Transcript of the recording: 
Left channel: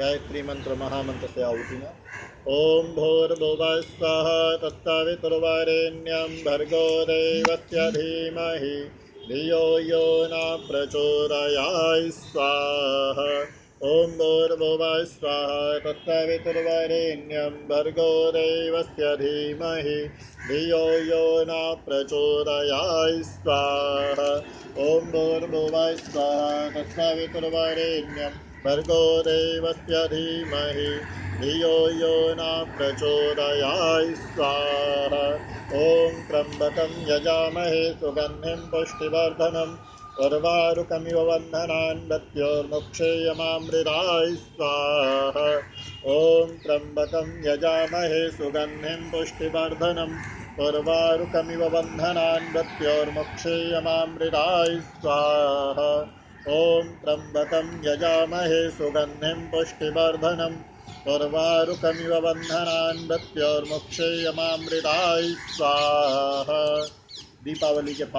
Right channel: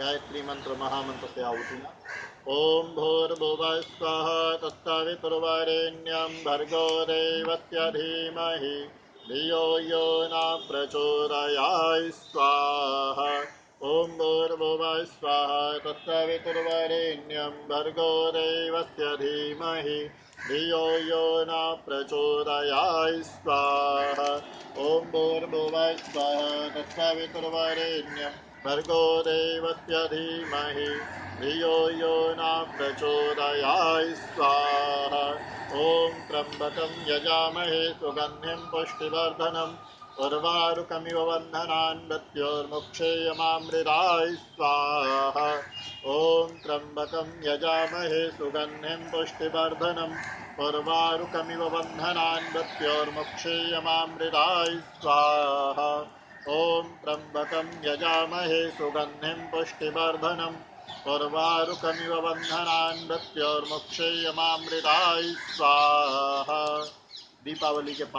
गायत्री मंत्र महामंत्र से आहुतिना। ओम भूर्भुवः स्वः तत्सवितुर्वरेण्यं भर्गो देवस्य धीमहि धियो यो न प्रचोदयात् स्वाहा। ओम भूर्भुवः स्वः तत्सवितुर्वरेण्यं भर्गो देवस्य धीमहि धियो यो न प्रचोदयात् स्वाहा। ओम भूर्भुवः स्वः तत्सवितुर्वरेण्यं भर्गो देवस्य धीमहि धियो यो न प्रचोदयात् स्वाहा। ॐ त्र्यम्बकं यजामहे सुगन्धिं पुष्टिवर्धनम् उर्वारुकमिव बन्धनान् मृत्योर्मुक्षेयमामृतात् स्वाहा। ॐ त्र्यम्बकं यजामहे सुगन्धिं पुष्टिवर्धनम् उर्वारुकमिव बन्धनान् मृत्योर्मुक्षेयमामृतात् स्वाहा। ॐ त्र्यम्बकं यजामहे सुगन्धिं पुष्टिवर्धनम् उर्वारुकमिव बन्धनान् मृत्योर्मुक्षेयमामृतात् स्वाहा। दीपावली के